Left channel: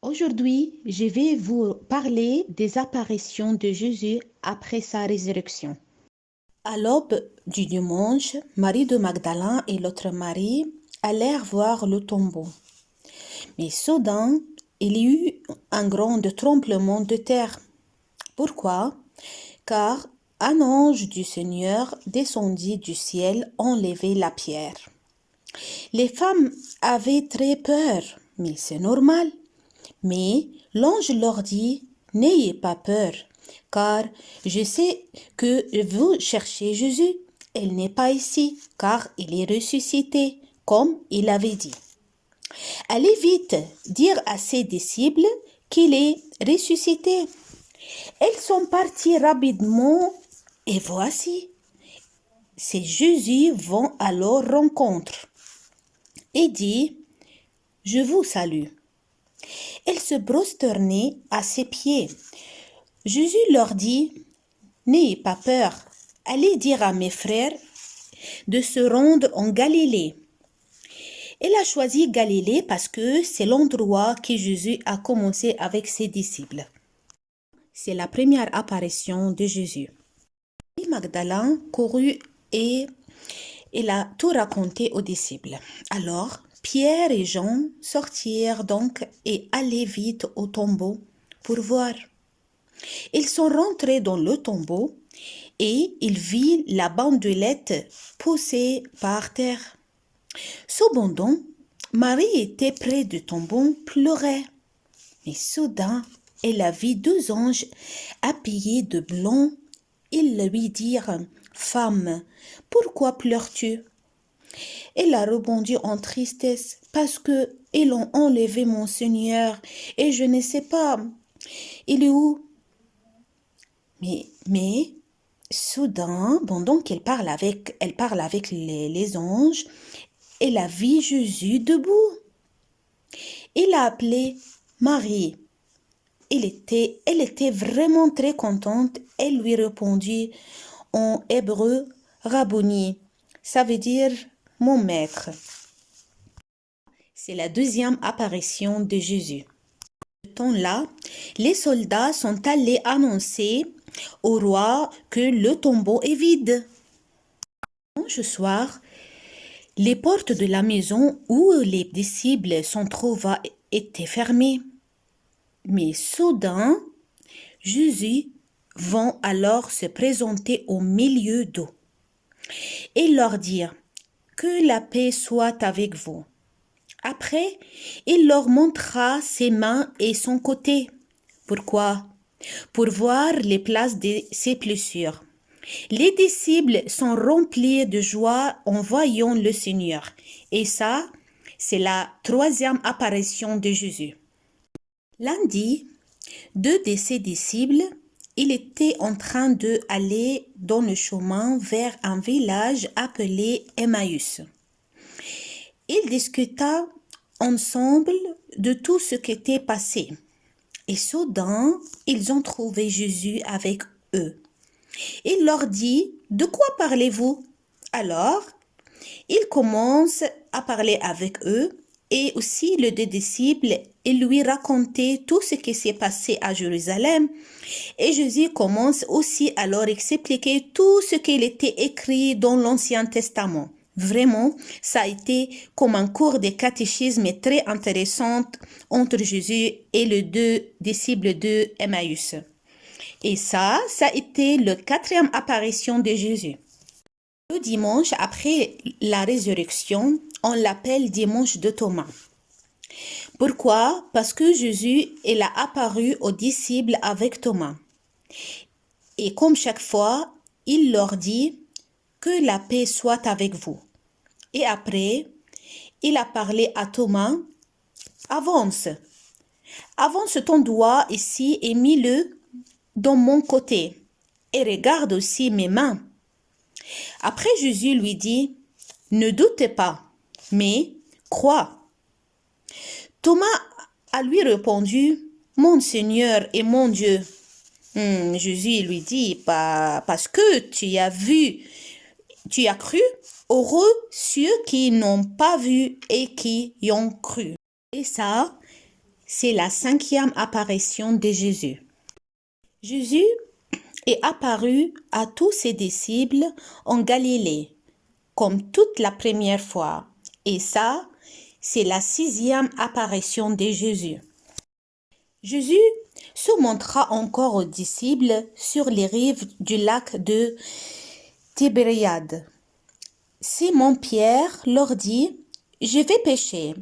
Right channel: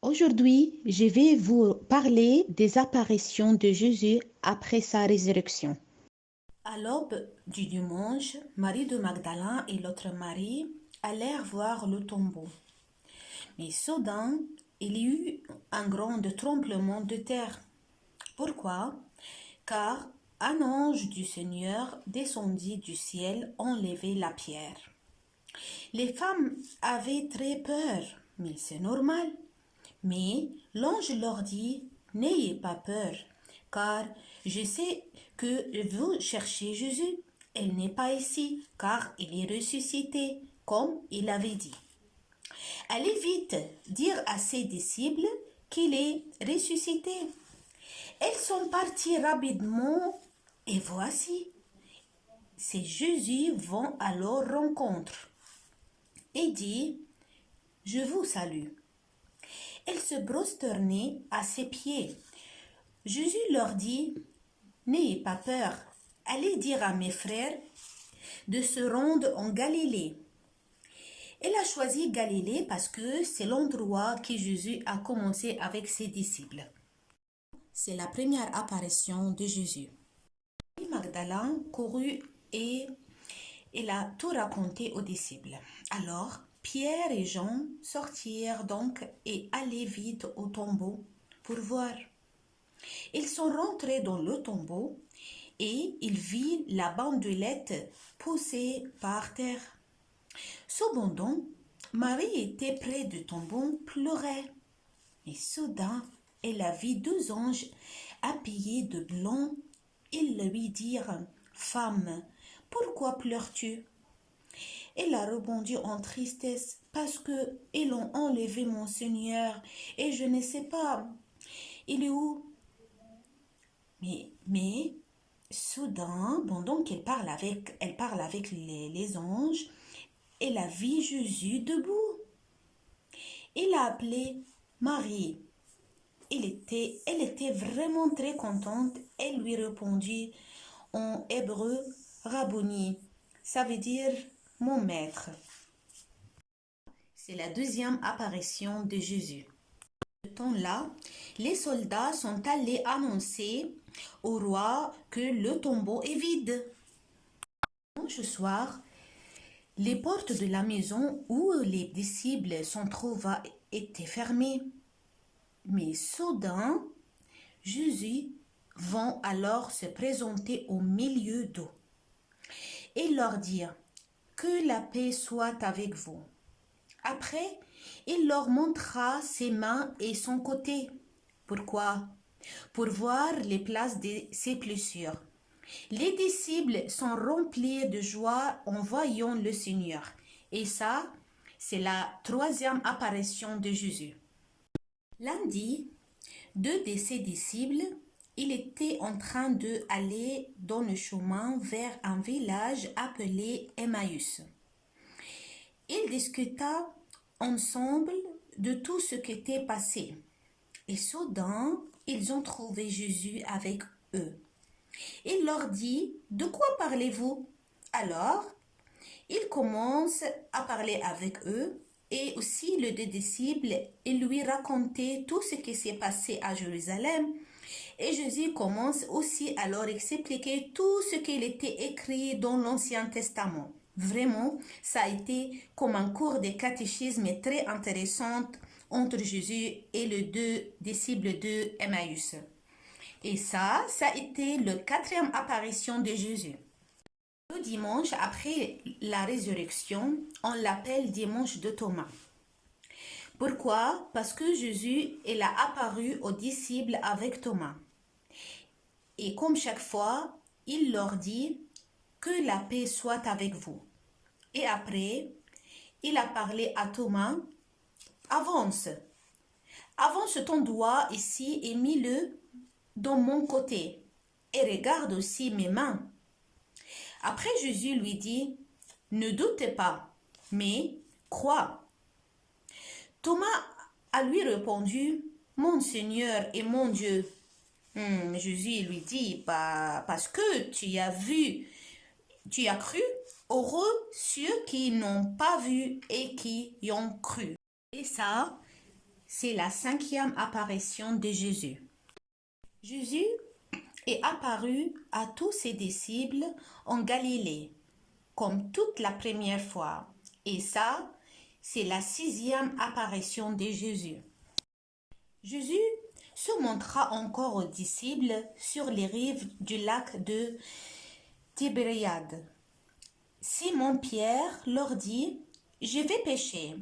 Aujourd'hui, je vais vous parler des apparitions de Jésus après sa résurrection. À l'aube du dimanche, Marie de Magdala et l'autre Marie allèrent voir le tombeau. Mais soudain, il y eut un grand tremblement de terre. Pourquoi? Car un ange du Seigneur descendit du ciel enlever la pierre. Les femmes avaient très peur, mais c'est normal. Mais l'ange leur dit, n'ayez pas peur, car je sais que vous cherchez Jésus. Il n'est pas ici, car il est ressuscité, comme il avait dit. Allez vite dire à ses disciples qu'il est ressuscité. Ils sont partis rapidement, et voici, ces Jésus vont à leur rencontre et dit, je vous salue. Ils se prosternaient à ses pieds. Jésus leur dit, n'ayez pas peur, allez dire à mes frères de se rendre en Galilée. Il a choisi Galilée parce que c'est l'endroit que Jésus a commencé avec ses disciples. C'est la première apparition de Jésus. Magdalene courut et il a tout raconté aux disciples. Alors, Pierre et Jean sortirent donc et allaient vite au tombeau pour voir. Ils sont rentrés dans le tombeau et ils virent la bandelette poussée par terre. Cependant, Marie était près du tombeau, pleurait. Mais soudain, elle a vu deux anges habillés de blanc. Ils lui dirent, Femme, pourquoi pleures-tu? Elle a répondu en tristesse, parce que ils ont enlevé mon Seigneur et je ne sais pas, il est où? Mais soudain, pendant elle parle avec les anges, elle a vu Jésus debout. Il a appelé Marie. Elle était vraiment très contente. Elle lui répondit en hébreu, Rabboni. Ça veut dire mon maître. C'est la deuxième apparition de Jésus. Ce temps-là, les soldats sont allés annoncer au roi que le tombeau est vide. Ce soir, les portes de la maison où les disciples sont trouvés étaient fermées. Mais soudain, Jésus vint alors se présenter au milieu d'eux et leur dire que la paix soit avec vous. Après, il leur montra ses mains et son côté. Pourquoi? Pour voir les places de ses blessures. Les disciples sont remplis de joie en voyant le Seigneur. Et ça, c'est la troisième apparition de Jésus. Lundi, deux de ses disciples, il était en train d'aller dans le chemin vers un village appelé Emmaüs. Ils discutaient ensemble de tout ce qui était passé. Et soudain, ils ont trouvé Jésus avec eux. Il leur dit, de quoi parlez-vous? Alors, il commence à parler avec eux et aussi les deux disciples et lui raconter tout ce qui s'est passé à Jérusalem. Et Jésus commence aussi à leur expliquer tout ce qu'il était écrit dans l'Ancien Testament. Vraiment, ça a été comme un cours de catéchisme très intéressant entre Jésus et les deux disciples de Emmaüs. Et ça a été la quatrième apparition de Jésus. Le dimanche après la résurrection, on l'appelle dimanche de Thomas. Pourquoi? Parce que Jésus, il a apparu aux disciples avec Thomas. Et comme chaque fois, il leur dit que la paix soit avec vous. Et après, il a parlé à Thomas, avance ton doigt ici et mets-le dans mon côté. Et regarde aussi mes mains. Après, Jésus lui dit, ne doutez pas, mais crois. Thomas a lui répondu, mon Seigneur et mon Dieu. Jésus lui dit, parce que tu as vu, tu as cru, heureux ceux qui n'ont pas vu et qui y ont cru. Et ça, c'est la 5e apparition de Jésus. Jésus est apparu à tous ses disciples en Galilée, comme toute la première fois. Et ça, c'est la 6e apparition de Jésus. Jésus se montra encore aux disciples sur les rives du lac de Tibériade. Simon-Pierre leur dit, « Je vais pêcher. »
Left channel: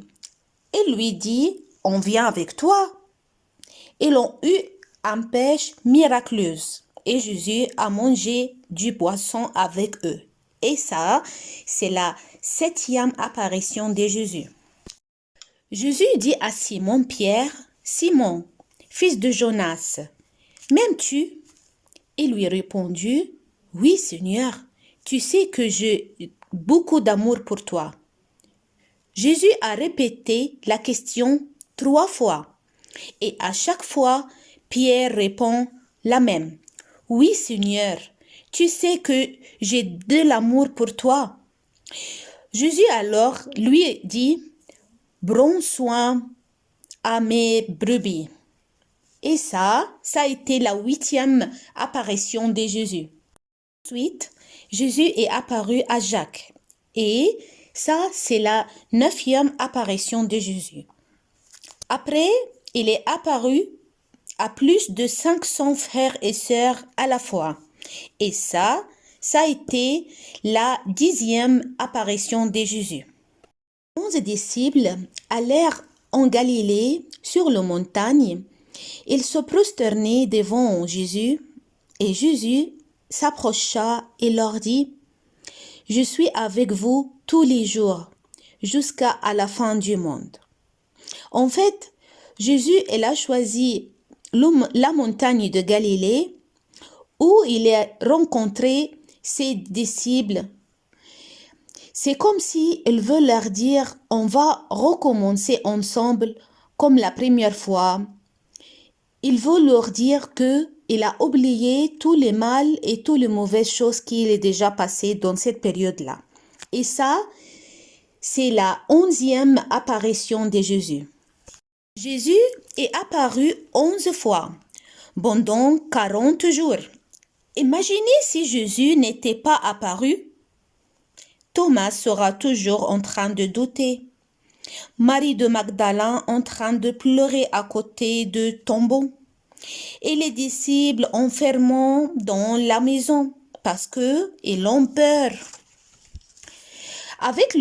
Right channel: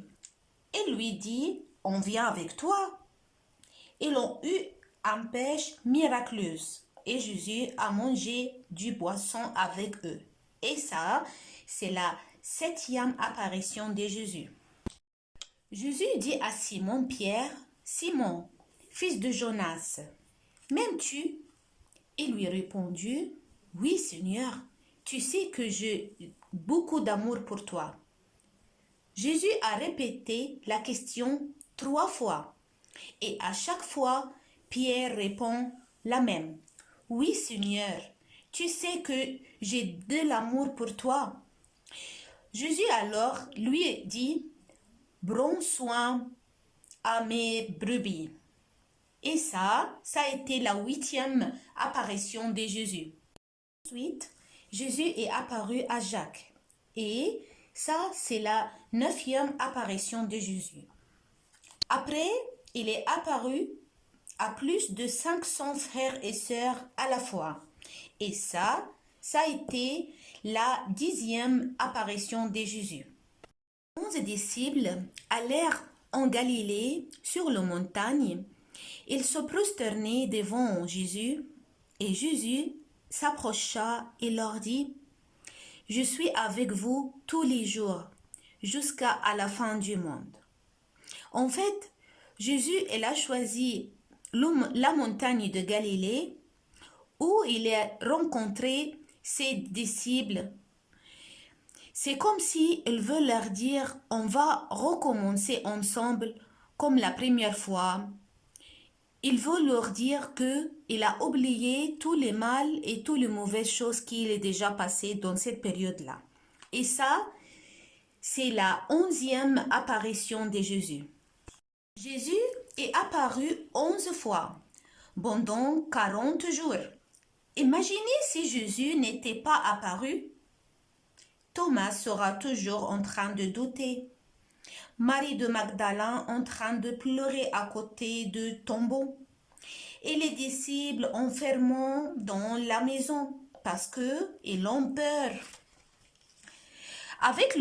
Il lui dit, « On vient avec toi. » Ils ont eu une pêche miraculeuse et Jésus a mangé du poisson avec eux. Et ça, c'est la 7e apparition de Jésus. Jésus dit à Simon-Pierre, « Simon, fils de Jonas, m'aimes-tu » Il lui répondit, « Oui, Seigneur, tu sais que j'ai beaucoup d'amour pour toi. » Jésus a répété la question 3 fois. Et à chaque fois, Pierre répond la même. « Oui, Seigneur, tu sais que j'ai de l'amour pour toi. » Jésus alors lui dit, « Prends soin à mes brebis. » Et ça a été la 8e apparition de Jésus. Ensuite, Jésus est apparu à Jacques. Et ça, c'est la 9e apparition de Jésus. Après, il est apparu à plus de 500 frères et sœurs à la fois. Et ça a été la 10e apparition de Jésus. 11 disciples allèrent en Galilée sur la montagne. Ils se prosternaient devant Jésus et Jésus s'approcha et leur dit, « Je suis avec vous tous les jours jusqu'à la fin du monde. » En fait, Jésus a choisi la montagne de Galilée où il a rencontré ses disciples. C'est comme si il veut leur dire, on va recommencer ensemble comme la première fois. Il veut leur dire qu'il a oublié tous les mal et toutes les mauvaises choses qu'il a déjà passées dans cette période-là. Et ça, c'est la 11e apparition de Jésus. Jésus est apparu 11 fois pendant 40 jours. Imaginez si Jésus n'était pas apparu. Thomas sera toujours en train de douter. Marie de Magdala en train de pleurer à côté du tombeau. Et les disciples enfermés dans la maison parce qu'ils ont peur. Avec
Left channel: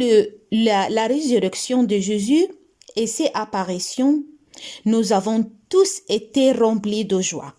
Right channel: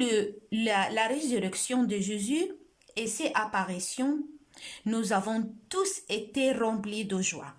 la résurrection de Jésus et ses apparitions, nous avons tous été remplis de joie.